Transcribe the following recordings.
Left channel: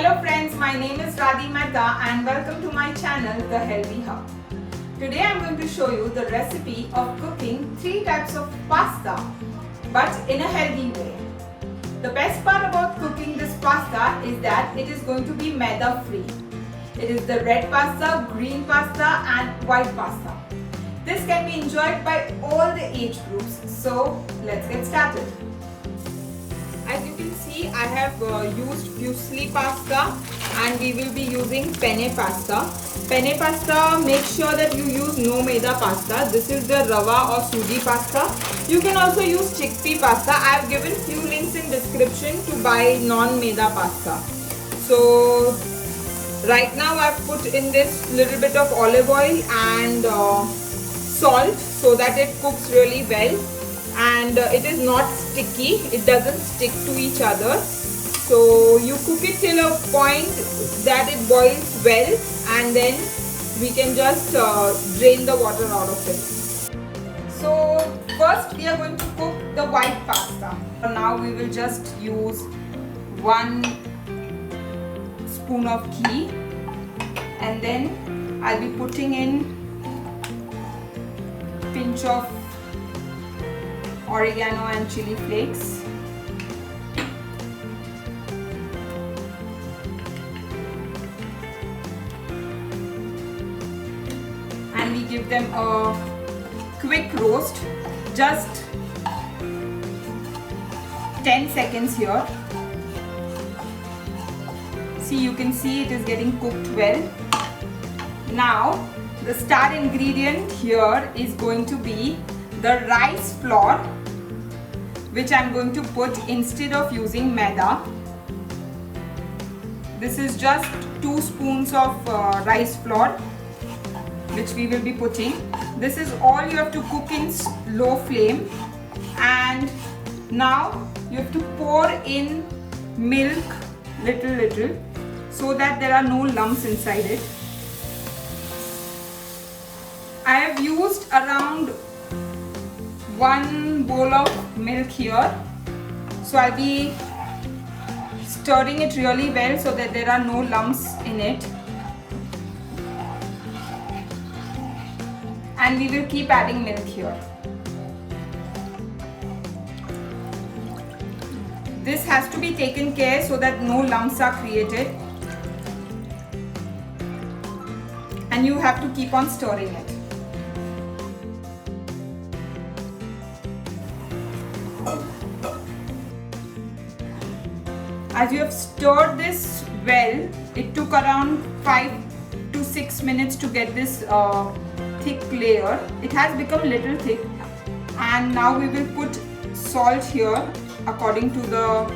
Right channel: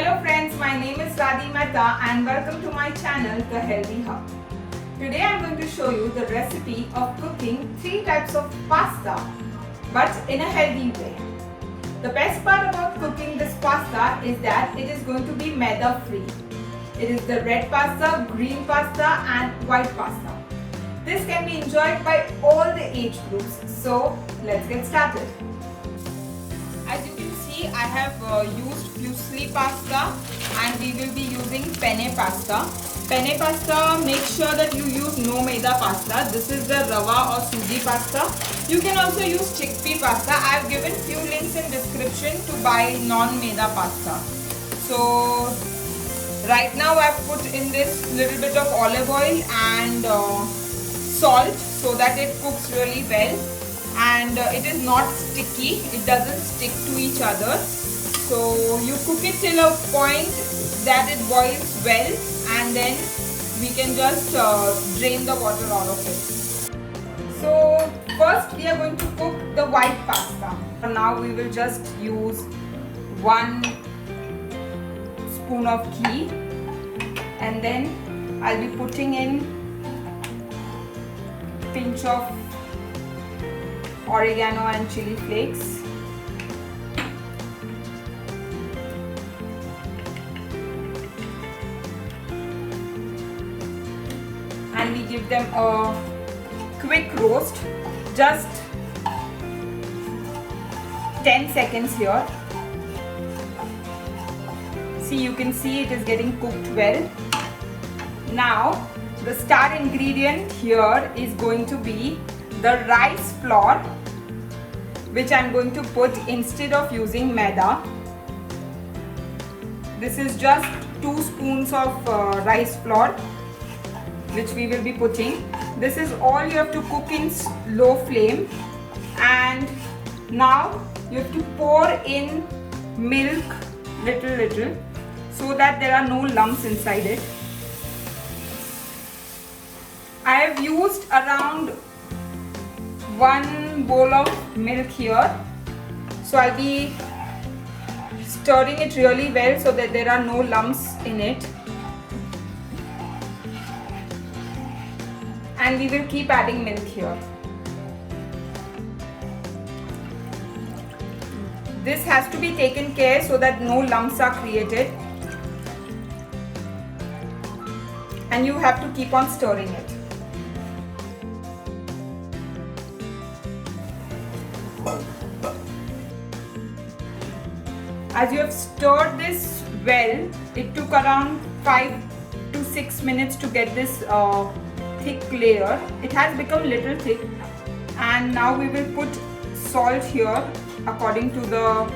Hello friends, my name is Radhi Mehta and welcome to my channel The Healthy Hub. Today I am going to show you the recipe of cooking 3 types of pasta but in a healthy way. The best part about cooking this pasta is that it is going to be maida free. It is the red pasta, green pasta and white pasta. This can be enjoyed by all the age groups. So let's get started. As you can see, I have used fusilli pasta and we will be using penne pasta. Penne pasta, make sure that you use no maida pasta. This is the rava or suji pasta. You can also use chickpea pasta. I have given few links in description to buy non-maida pasta. So right now I have put in this little bit of olive oil and salt so that it cooks really well. And it is not sticky, it doesn't stick to each other. So you cook it till a point that it boils well and then we can just drain the water out of it. So first we are going to cook the white pasta. Now we will just use 1 spoon of ghee and then I'll be putting in pinch of oregano and chili flakes. And we give them a quick roast, just 10 seconds here. See, you can see it is getting cooked well. Now, the star ingredient here is going to be the rice flour, which I'm going to put instead of using maida. This is just 2 spoons of rice flour which we will be putting. This is all you have to cook in low flame, and now you have to pour in milk little so that there are no lumps inside it. I have used around 1 bowl of milk here, so I'll be stirring it really well so that there are no lumps in it, and we will keep adding milk here. This has to be taken care so that no lumps are created, and you have to keep on stirring it. As you have stirred this well, it took around 5 to 6 minutes to get this thick layer. It has become little thick, and now we will put salt here according to the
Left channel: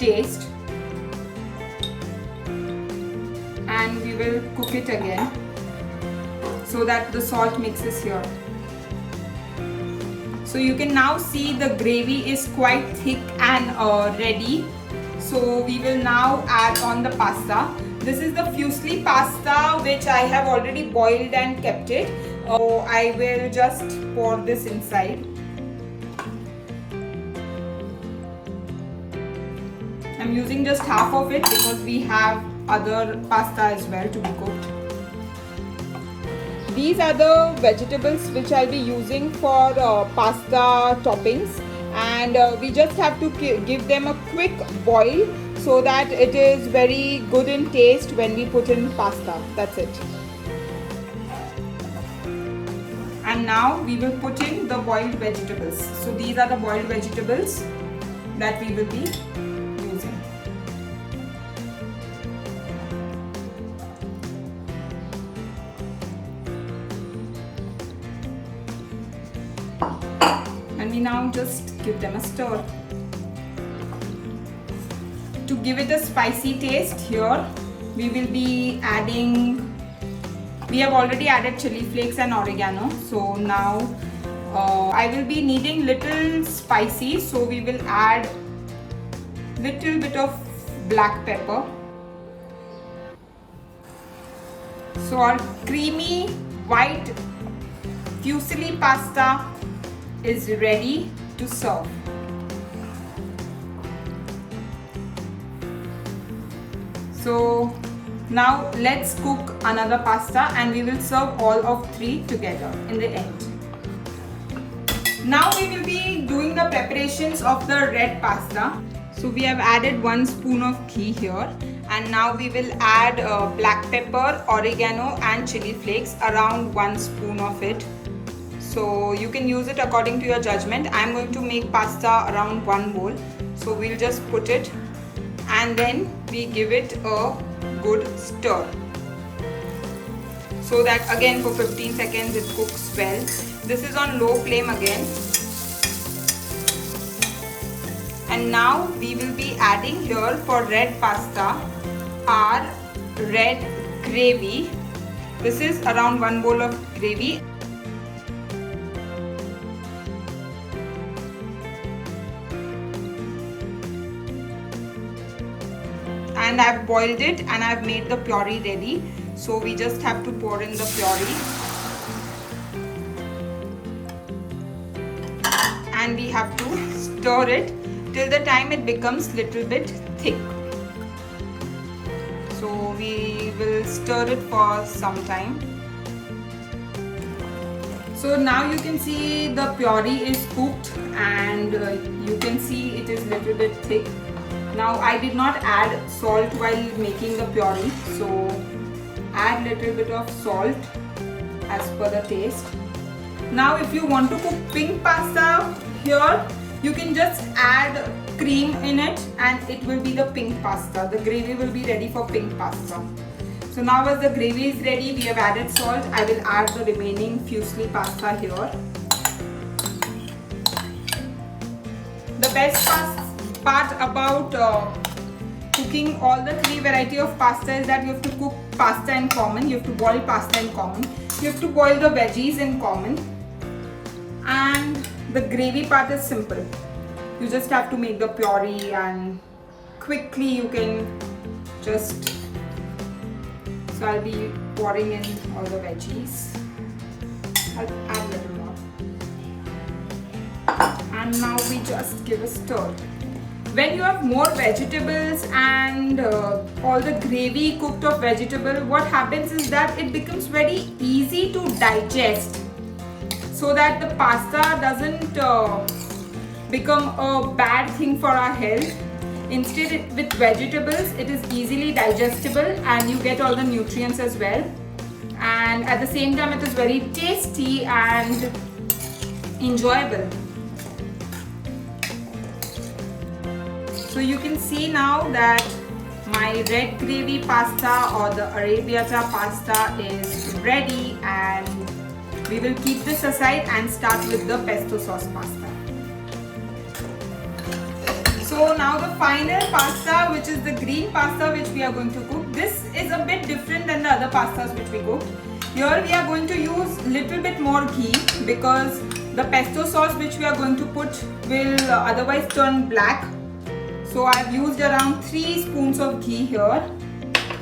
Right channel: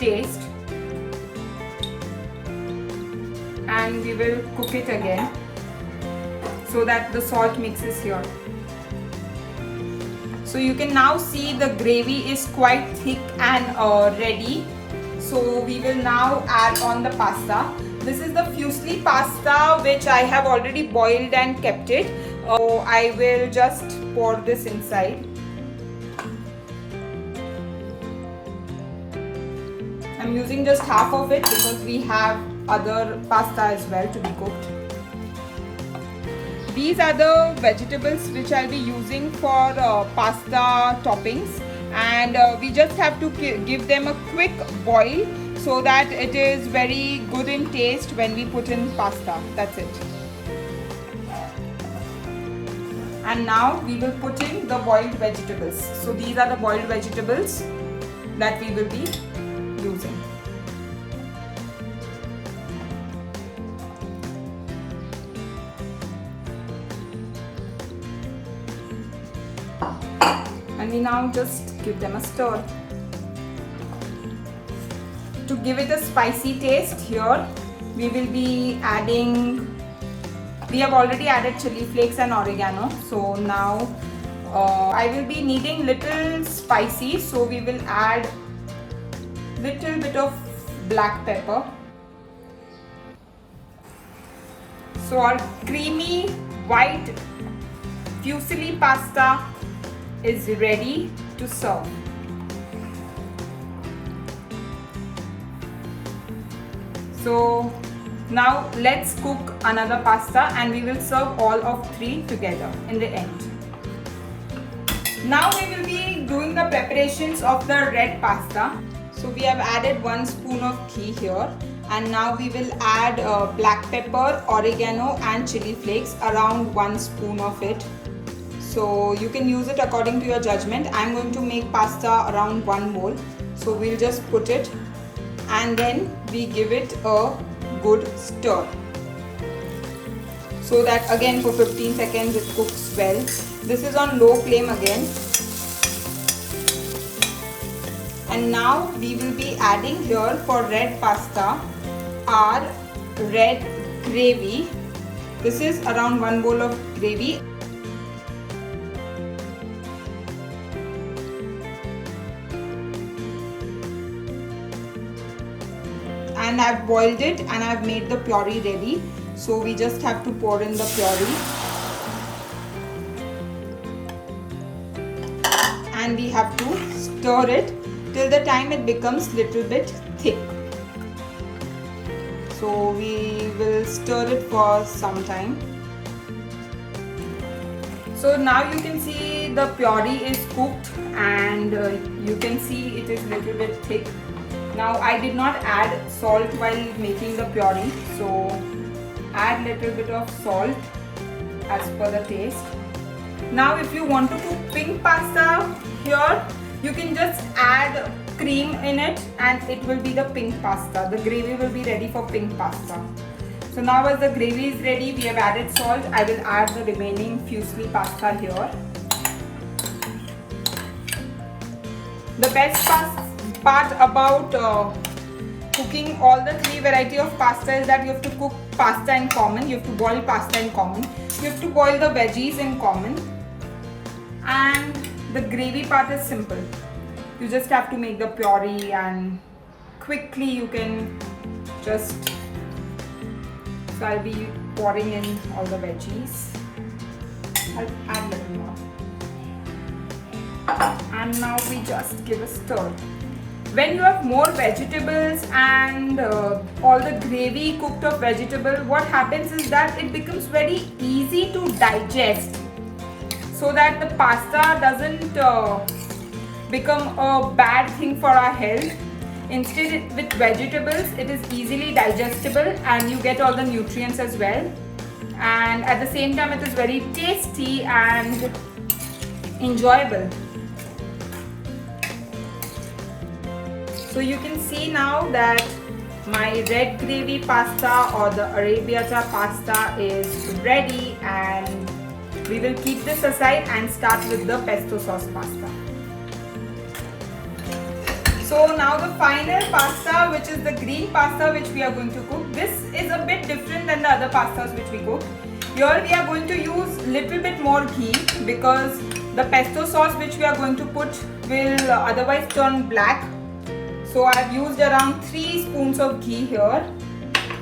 taste, and we will cook it again so that the salt mixes here. So you can now see the gravy is quite thick and ready. So we will now add on the pasta. This is the fusilli pasta which I have already boiled and kept it. I will just pour this inside. I'm using just half of it because we have other pasta as well to be cooked. These are the vegetables which I'll be using for pasta toppings, and we just have to give them a quick boil so that it is very good in taste when we put in pasta. That's it. And now we will put in the boiled vegetables. So these are the boiled vegetables that we will be using. And we now just give them a stir. To give it a spicy taste here, we will be adding, we have already added chili flakes and oregano. So now I will be needing little spicy, so we will add little bit of black pepper. So our creamy white fusilli pasta is ready to serve. So now let's cook another pasta and we will serve all of three together in the end. Now we will be doing the preparations of the red pasta. So we have added 1 spoon of ghee here, and now we will add black pepper, oregano and chili flakes, around 1 spoon of it. So you can use it according to your judgment. I am going to make pasta around 1 bowl. So we'll just put it and then we give it a good stir. So that again for 15 seconds it cooks well. This is on low flame again. And now we will be adding here for red pasta our red gravy. This is around 1 bowl of gravy. And I've boiled it and I've made the puree ready. So we just have to pour in the puree. And we have to stir it till the time it becomes little bit thick. So we will stir it for some time. So now you can see the puree is cooked and you can see it is little bit thick. Now I did not add salt while making the puree, so add little bit of salt as per the taste. Now if you want to cook pink pasta here, you can just add cream in it and it will be the pink pasta. The gravy will be ready for pink pasta. So now as the gravy is ready, we have added salt. I will add the remaining fusilli pasta here. The best part about cooking all the three variety of pasta is that you have to cook pasta in common. You have to boil pasta in common. You have to boil the veggies in common. And the gravy part is simple. You just have to make the puree and quickly you can just... So I'll be pouring in all the veggies. I'll add a little more. And now we just give a stir. When you have more vegetables and all the gravy cooked of vegetable, what happens is that it becomes very easy to digest, so that the pasta doesn't become a bad thing for our health. Instead, with vegetables, it is easily digestible and you get all the nutrients as well. And at the same time, it is very tasty and enjoyable. So you can see now that my red gravy pasta or the arrabbiata pasta is ready, and we will keep this aside and start with the pesto sauce pasta. So now the final pasta, which is the green pasta which we are going to cook. This is a bit different than the other pastas which we cooked. Here we are going to use little bit more ghee because the pesto sauce which we are going to put will otherwise turn black. So I have used around 3 spoons of ghee here.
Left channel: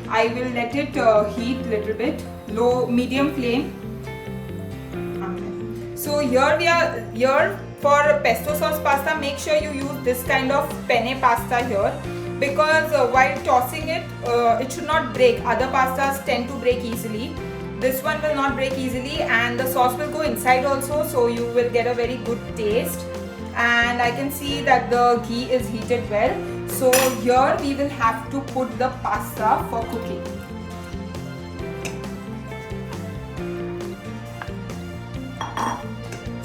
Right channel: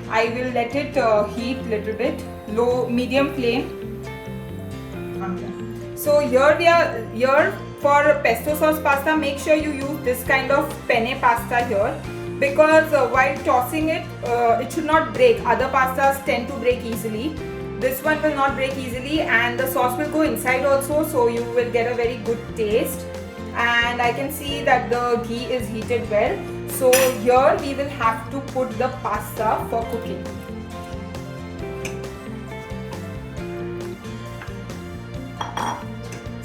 I will let it heat little bit, medium flame. So here for pesto sauce pasta, make sure you use this kind of penne pasta here, because while tossing it, it should not break. Other pastas tend to break easily. This one will not break easily, and the sauce will go inside also, so you will get a very good taste. And I can see that the ghee is heated well. So here we will have to put the pasta for cooking.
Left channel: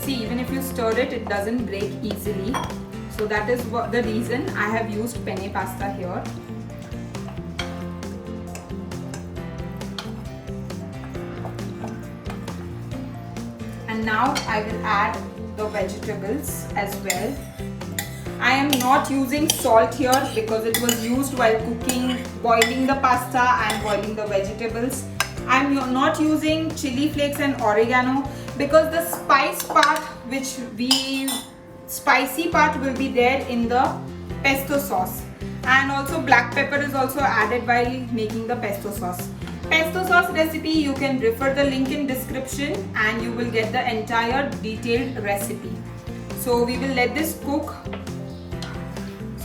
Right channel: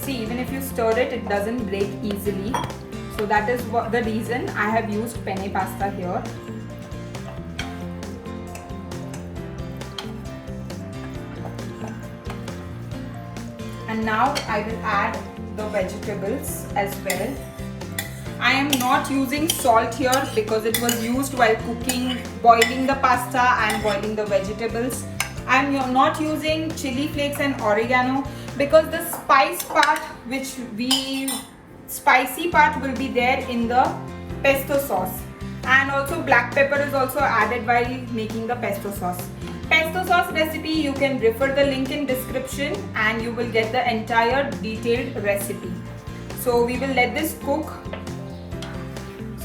See, even if you stir it, it doesn't break easily. So that is the reason I have used penne pasta here. And now I will add the vegetables as well. I am not using salt here because it was used while cooking, boiling the pasta and boiling the vegetables. I am not using chili flakes and oregano because the spicy part will be there in the pesto sauce. And also black pepper is also added while making the pesto sauce. Pesto sauce recipe, you can refer the link in description and you will get the entire detailed recipe. So we will let this cook.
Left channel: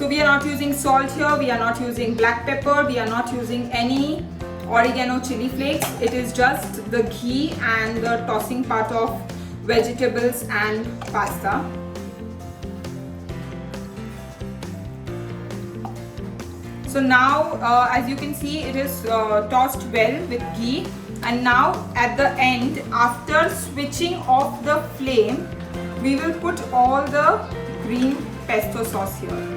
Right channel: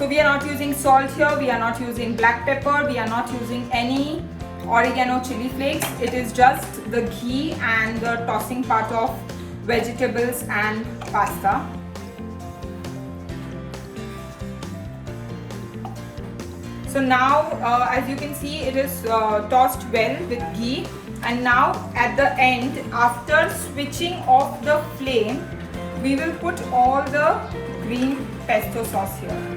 So we are not using salt here, we are not using black pepper, we are not using any oregano chili flakes. It is just the ghee and the tossing part of vegetables and pasta. So now as you can see, it is tossed well with ghee, and now at the end, after switching off the flame, we will put all the green pesto sauce here.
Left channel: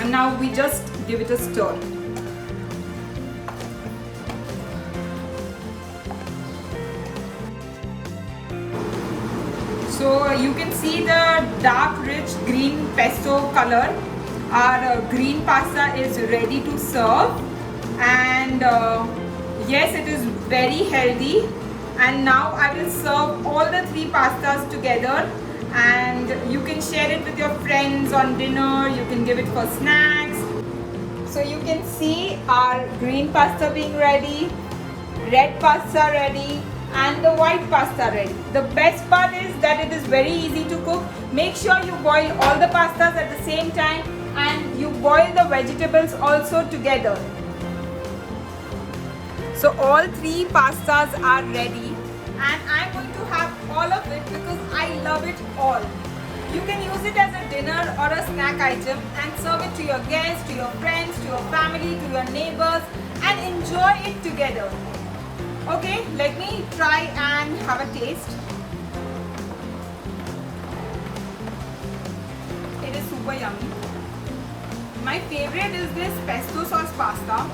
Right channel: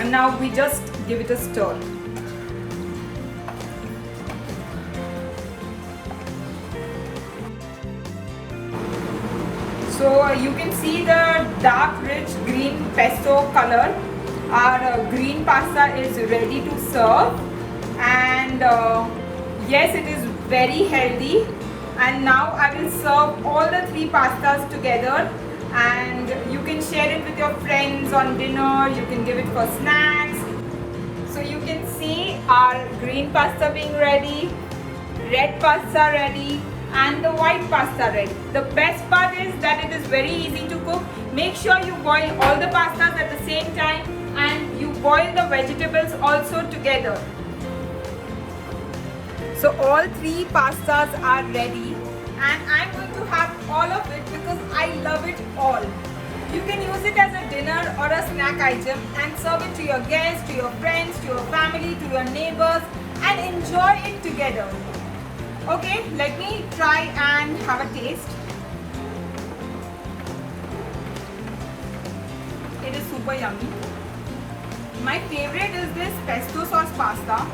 And now we just give it a stir. So you can see the dark rich green pesto color. Our green pasta is ready to serve, and yes, it is very healthy. And now I will serve all the three pastas together, and you can share it with your friends on dinner, you can give it for snacks. So you can see our green pasta being ready, red pasta ready, and the white pasta ready. The best part is that it is very easy to cook. Make sure you boil all the pastas at the same time, and you boil the vegetables also together. So all three pastas are ready, and I'm going to have all of it because I love it all. You can use it as a dinner or a snack item and serve it to your guests, to your friends, to your family, to your neighbors, and enjoy it together. Okay, let me try and have a taste. It is super yummy. My favorite is this pesto sauce pasta.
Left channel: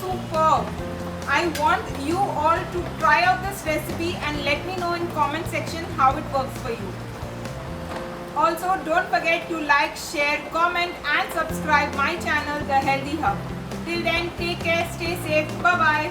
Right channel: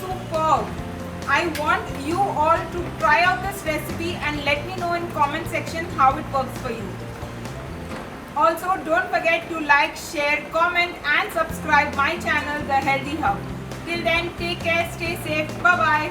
Superb. I want you all to try out this recipe and let me know in comment section how it works for you. Also, don't forget to like, share, comment and subscribe my channel, The Healthy Hub. Till then, take care, stay safe, bye bye.